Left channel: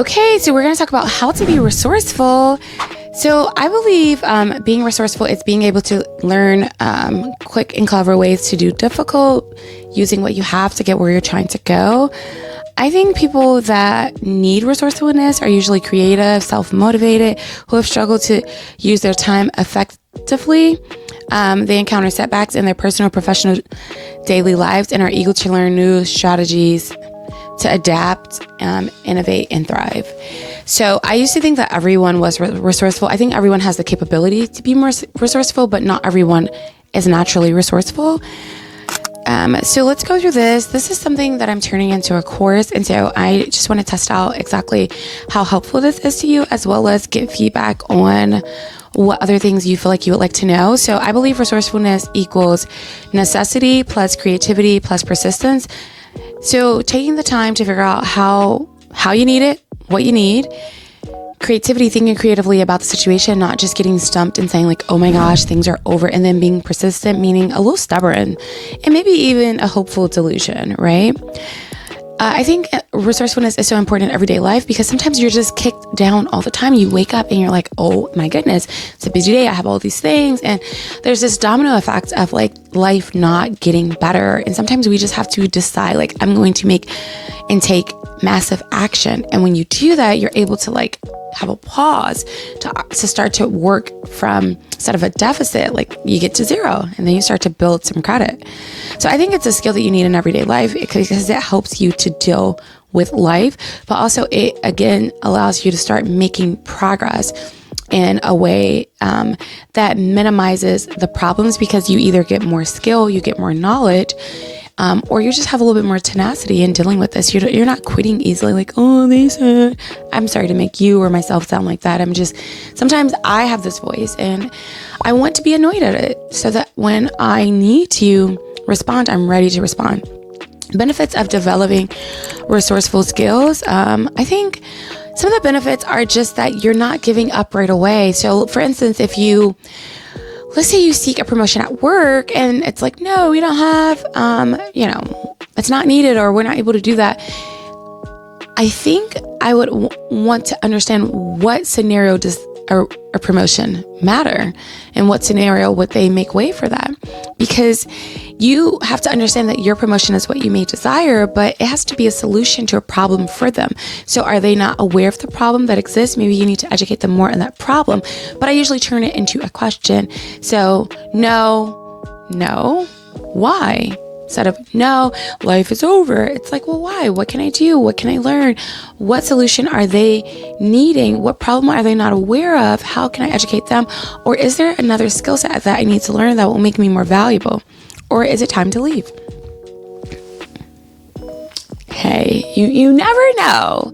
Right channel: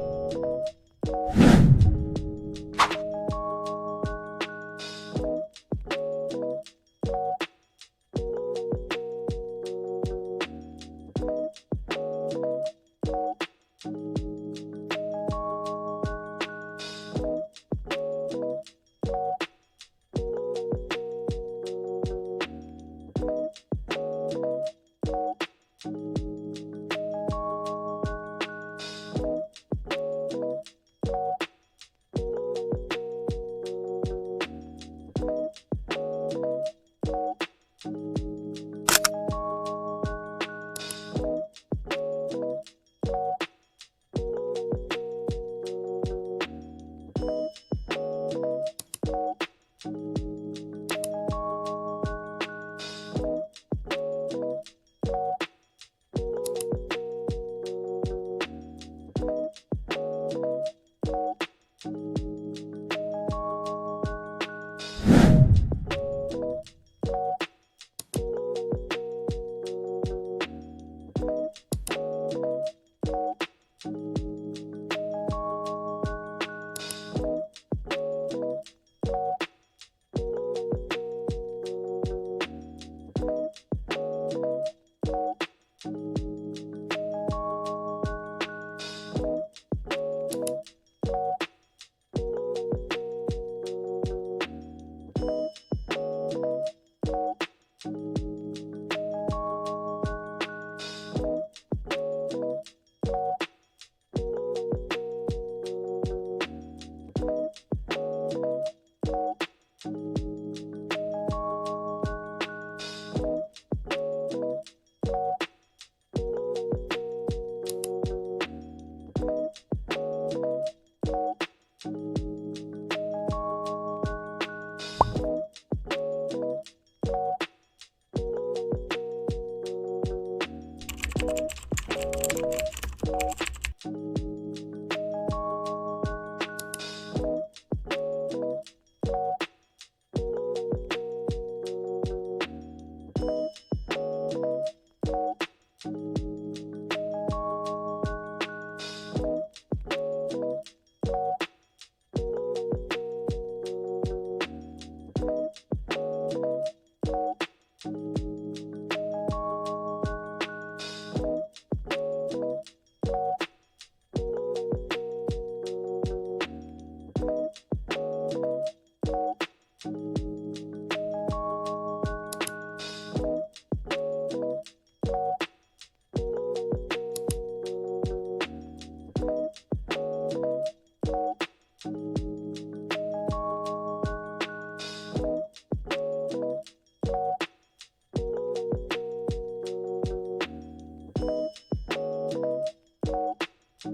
Okay, so we're going to talk about how to be resourceful. So I believe being resourceful is being able to learn quick and clever ways to do difficult, using what you have to get where you're trying to go. I think people that need resourcefulness are usually creative, self-motivated, who have struggled to use their time effectively. They encounter setbacks in their personal, professional, daily lives and are eager to learn new strategies to adapt, innovate, and thrive. So I used to think that everyone was resourceful. I think everyone has the capability to be more resourceful, but not everyone is naturally resourceful. So let's go through this. This is something that I'm turning into a course. And so I just want to test out exactly how helpful this is to you, as well as get feedback on what other things you feel like you would like to know. So I believe resourcefulness equals necessity plus creativity plus persistence. So taking the time to figure out how you need it, what you need, creativity, thinking creatively about the situation, not just getting stumped and saying like, oh my gosh, things are over, and then being persistent, meaning a little stubborn, and maybe even a hopeful delusion, right? I think resourcefulness is so important in everyday life because sometimes you're just kicked down all the time. You wake up and you're like, oh my goodness, it's a busy day. I have all these things. And there's this domino effect of like life not getting better. And sometimes we just have to decide like, I'm going to make and take massive action. And when you do that, you're able to like have a pause to start to work from instead of a deficit, like you get to zero and then you start to build some credit. So I think it's a skill that you need in everyday life because it helps you to deal with life, but also it again allows you to start making progress in a way that minimizes the problems because you either get more skill, you get more knowledge, or you just have a little bit more tenacity in dealing with this. You're not quitting easily like, oh, they said, I'm sorry to make you or myself sound like that. Sometimes I have this voice and I want to be annoyed at it so that when I need to respond, I'm ready to respond. Benefits of developing resourceful skills. I think some of the benefits are just that you're not giving up right away. So for instance, let's say you seek a promotion at work and it's like, no, we don't have, it's not needed or we're not able to do that. I think I would want to understand what scenario does a promotion matter and what scenario would they make way for that? Because you have to understand that your promotion is what you may desire, but it has to be a solution to a problem for them. So are they not aware of the problem that exists? Maybe you need to educate them more on that problem. But I usually turn it into a question. So no, why? Instead of, no, life is over. It's like, well, why? What can I do? What can I learn? What solution are they needing? What problem are they not aware of? How can I educate them? Or is there another skill set that I need to learn that will make me more valuable? Or is it time to leave? Hey, you never know.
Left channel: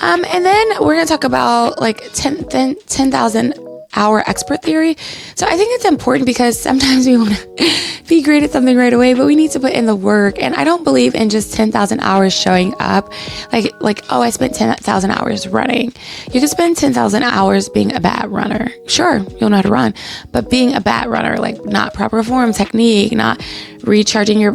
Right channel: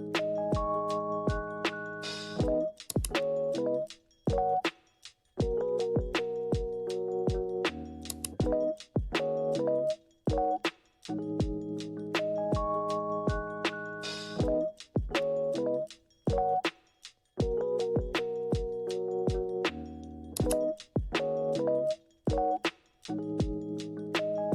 And then we're going to talk about like 10,000 hour expert theory. So I think it's important because sometimes we want to be great at something right away, but we need to put in the work. And I don't believe in just 10,000 hours showing up like, oh, I spent 10,000 hours running. You can spend 10,000 hours being a bad runner. Sure, you'll know how to run, but being a bad runner, like not proper form, technique, not recharging your,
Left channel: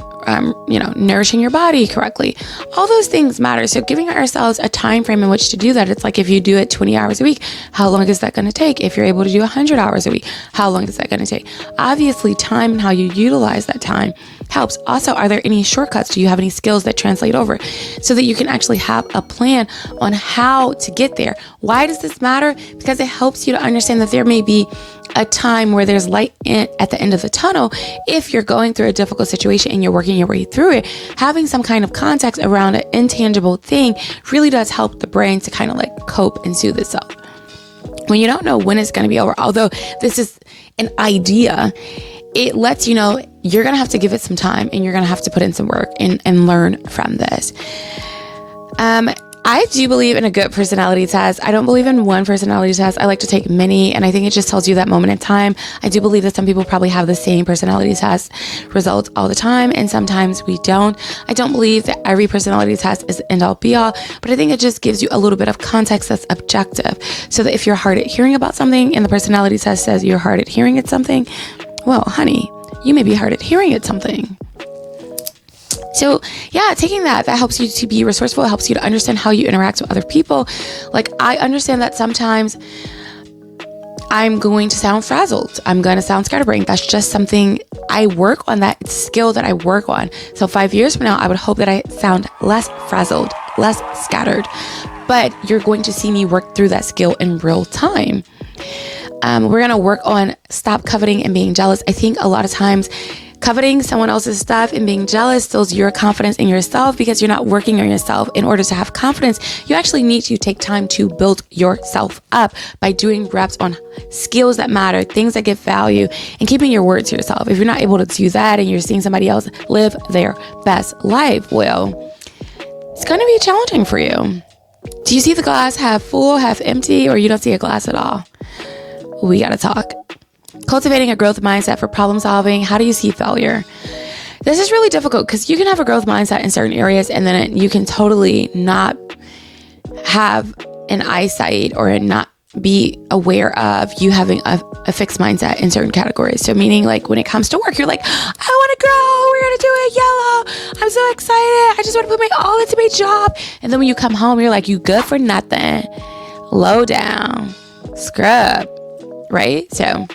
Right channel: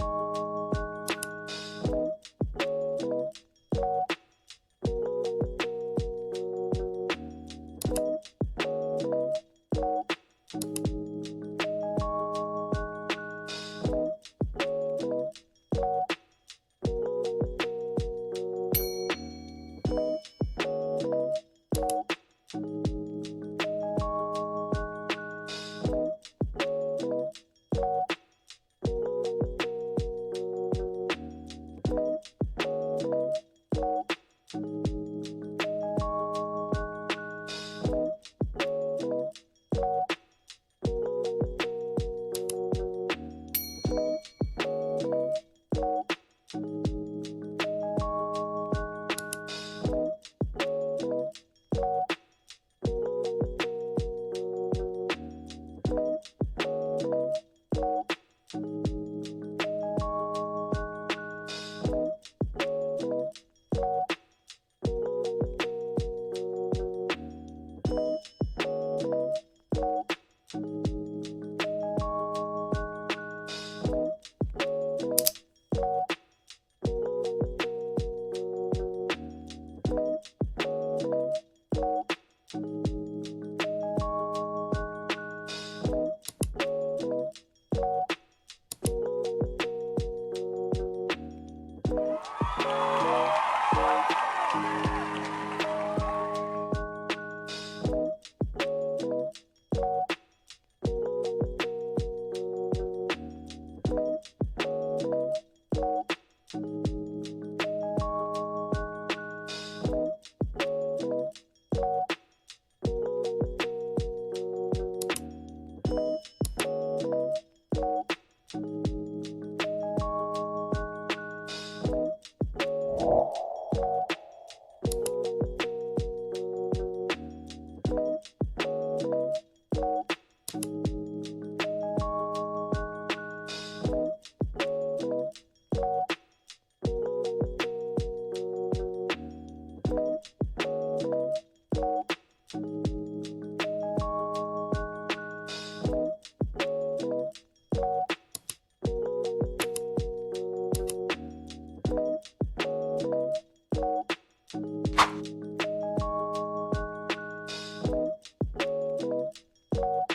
nourishing your body correctly. All those things matter. So giving ourselves a time frame in which to do that. It's like if you do it 20 hours a week, how long is that going to take? If you're able to do 100 hours a week, how long is that going to take? Obviously, time and how you utilize that time helps. Also, are there any shortcuts? Do you have any skills that translate over so that you can actually have a plan on how to get there? Why does this matter? Because it helps you to understand that there may be a time where there's light at the end of the tunnel. If you're going through a difficult situation and you're working your way through it, having some kind of context around an intangible thing really does help the brain to kind of like cope and soothe itself. When you don't know when it's going to be over, although this is an idea, it lets you know you're going to have to give it some time and you're going to have to put in some work and learn from this. I do believe in a good personality test. I don't believe in one personality test. I like to take many, and I think it just tells you that moment in time. I do believe that some people probably have the same personality test results all the time, and sometimes we don't. I don't believe that every personality test is end all be all, but I think it just gives you a little bit of context that's objective, so that if you're hard at hearing about something and the personality test says you're hard at hearing at something, well, honey, you may be hard at hearing at something. So yeah, taking that helps you to be resourceful. It helps you to understand how you interact with other people. Like, I understand that sometimes I'm going to sound frazzled. I'm going to sound scatterbrained. That's just something I work on, that skill that I work on. So 5 years from now, I would hope that I sound less frazzled, less scattered, but you're going to see me work through that skill in real time. We're going to work on stop coveting and being jealous. I think a lot of times coveting someone else's stuff and being jealous steals your confidence in yourself, because you're not working on yourself. In order to have confidence, you actually need to take time to build yourself up by doing reps on skills that matter, things that give value, and keeping your word to yourself. If you're not able to do that and you're seeing somebody else live their best life, well, it's going to be challenging for you. Do you see the glass half full, half empty, or you don't see a glass at all? We got to talk. Cultivating a growth mindset for problem solving. How do you see failure? This is really difficult because you can have a growth mindset in certain areas, and then you can totally not have an eyesight or not be aware of you having a fixed mindset in certain categories. So meaning, like, when it comes to work, you're like, I want to grow. We're going to do it yellow. I'm so excited. I just want to put my all into my job. And then when you come home, you're like, you good for nothing. Low down. Scrub. Right? So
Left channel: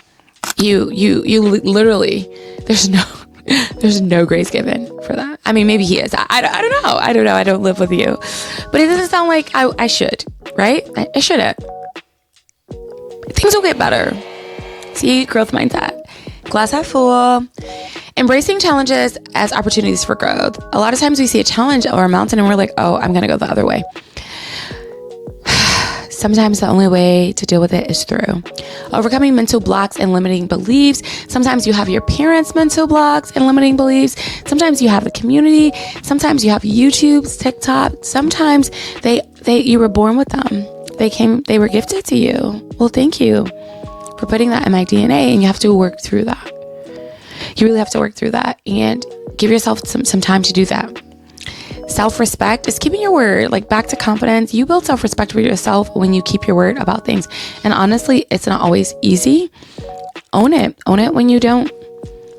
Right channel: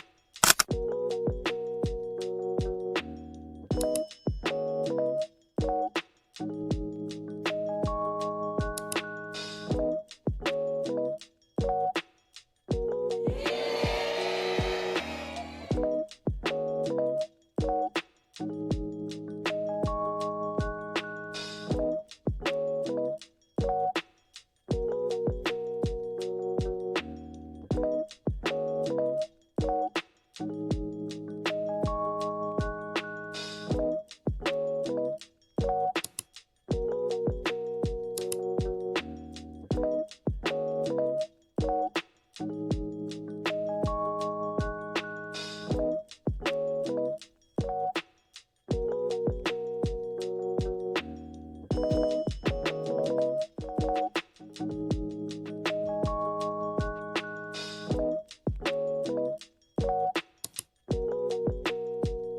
you literally, there's no grace given for that. I mean, maybe he is. I don't know. I don't live with you, but it doesn't sound like I should, right? I shouldn't. Things will get better. See, growth mindset, glass half full, embracing challenges as opportunities for growth. A lot of times we see a challenge or a mountain and we're like, oh, I'm going to go the other way. Sometimes the only way to deal with it is through overcoming mental blocks and limiting beliefs. Sometimes you have your parents' mental blocks and limiting beliefs. Sometimes you have the community. Sometimes you have YouTube, TikTok. Sometimes you were born with them. They were gifted to you. Well, thank you for putting that in my DNA, and you have to work through that. You really have to work through that and give yourself some time to do that. Self-respect is keeping your word. Like, back to confidence. You build self-respect for yourself when you keep your word about things. And honestly, it's not always easy. Own it. Own it when you don't.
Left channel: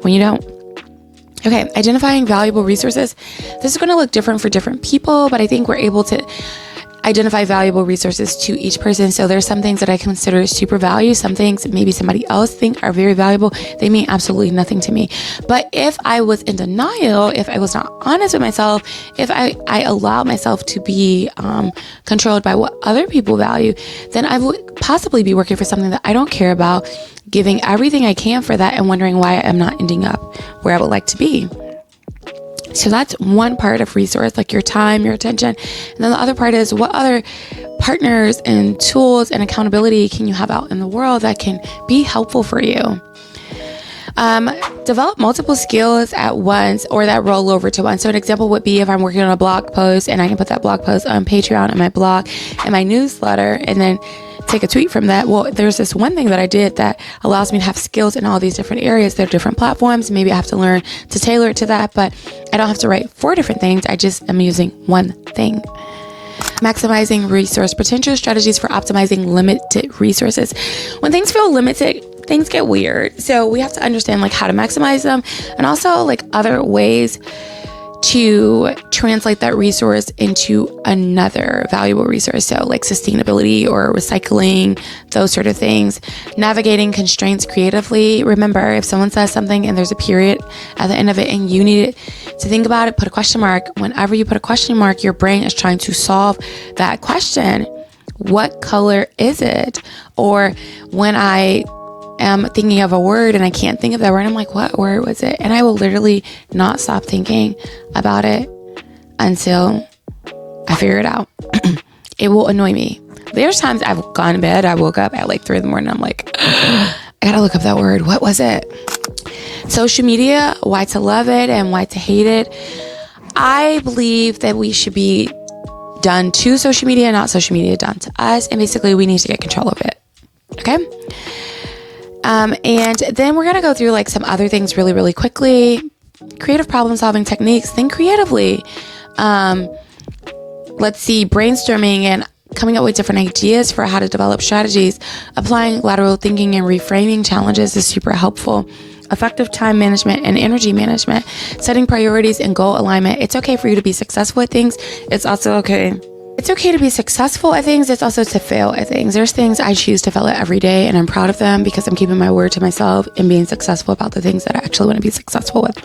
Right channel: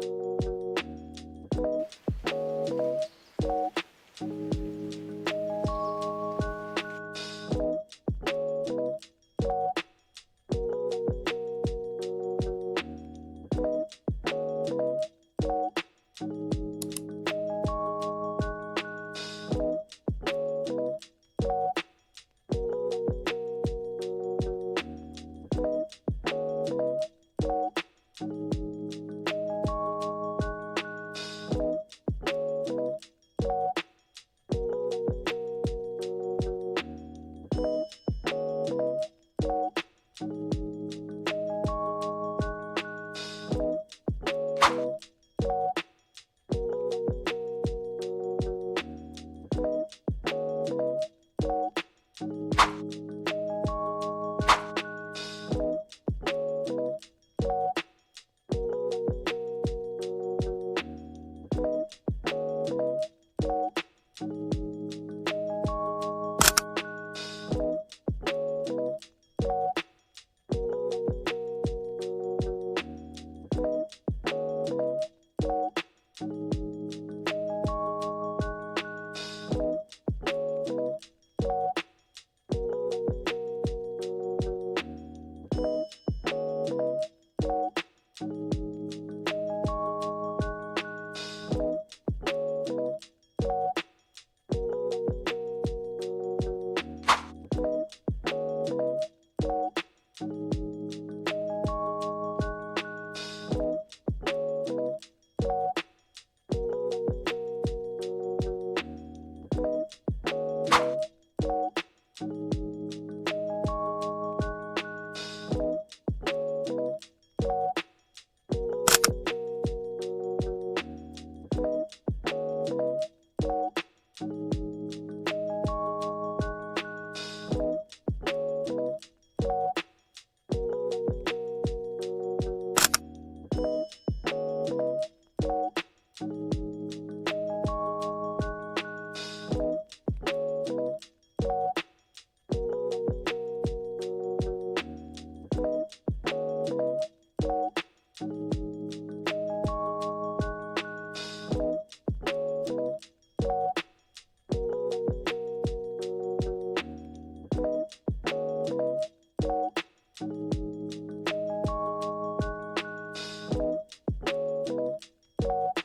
Okay, identifying valuable resources. This is going to look different for different people, but I think we're able to identify valuable resources to each person. So there's some things that I consider super value. Some things maybe somebody else think are very valuable. They mean absolutely nothing to me. But if I was in denial, if I was not honest with myself, if I allowed myself to be controlled by what other people value, then I would possibly be working for something that I don't care about, giving everything I can for that and wondering why I'm not ending up where I would like to be. So that's one part of resource, like your time, your attention. And then the other part is, what other partners and tools and accountability can you have out in the world that can be helpful for you? Develop multiple skills at once or that roll over to one. So an example would be if I'm working on a blog post and I can put that blog post on Patreon and my blog and my newsletter and then take a tweet from that. Well, there's this one thing that I did that allows me to have skills in all these different areas. There are different platforms. Maybe I have to learn to tailor it to that, but I don't have to write 4 different things. I just am using one thing. Maximizing resource potential, strategies for optimizing limited resources. When things feel limited, things get weird. So we have to understand like how to maximize them, and also like other ways to translate that resource into another valuable resource. So like sustainability or recycling, those sort of things. Navigating constraints creatively. Remember, if someone says something and there's a period at the end of it and you need it to think about it, put a question mark. Whenever you put a question mark, your brain is trying to solve that question. What color is it? Or when I am thinking of a word and I can't think of that word, I'm like, what word was it? And I will literally not stop thinking about it until I figure it out. It will annoy me. There's times I've gone to bed, I woke up at like 3 a.m. I'm like, I gotta look up that word. What was it? Social media, why to love it and why to hate it. I believe that we should be done to social media, not social media done to us. And basically we need to get control of it. Okay? And then we're going to go through like some other things really, really quickly. Creative problem solving techniques. Think creatively. Let's see, brainstorming and coming up with different ideas for how to develop strategies. Applying lateral thinking and reframing challenges is super helpful. effective time management and energy management, setting priorities and goal alignment. It's okay for you to be successful at things. It's okay to be successful at things. It's also to fail at things. There's things I choose to fail at every day, and I'm proud of them because I'm keeping my word to myself and being successful about the things that I actually want to be successful with.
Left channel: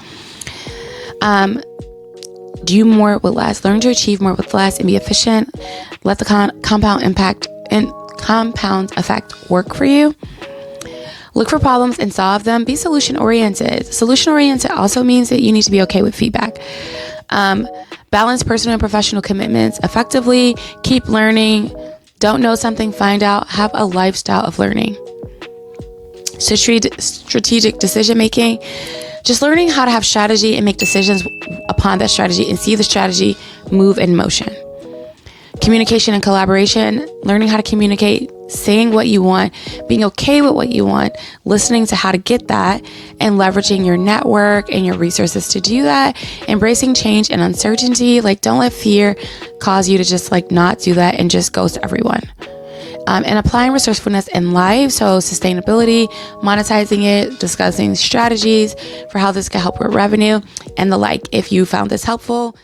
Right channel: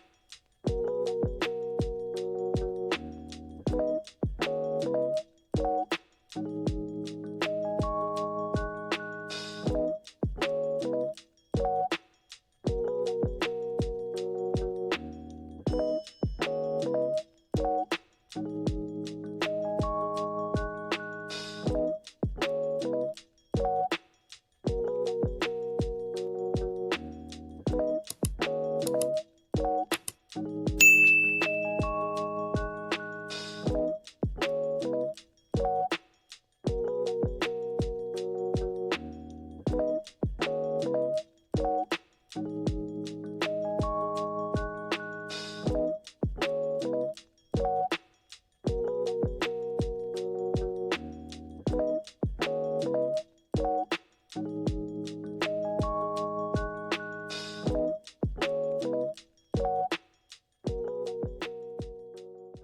Do more with less. Learn to achieve more with less and be efficient. Let the compound effect work for you. Look for problems and solve them. Be solution-oriented. Solution-oriented also means that you need to be okay with feedback. Balance personal and professional commitments effectively. Keep learning. Don't know something, find out. Have a lifestyle of learning. Strategic decision-making. Just learning how to have strategy and make decisions upon that strategy and see the strategy move in motion. Communication and collaboration, learning how to communicate, saying what you want, being okay with what you want, listening to how to get that, and leveraging your network and your resources to do that. Embracing change and uncertainty. Like, don't let fear cause you to just not do that and just ghost everyone. And applying resourcefulness in life, so sustainability, monetizing it, discussing strategies for how this can help with revenue and the like. If you found this helpful,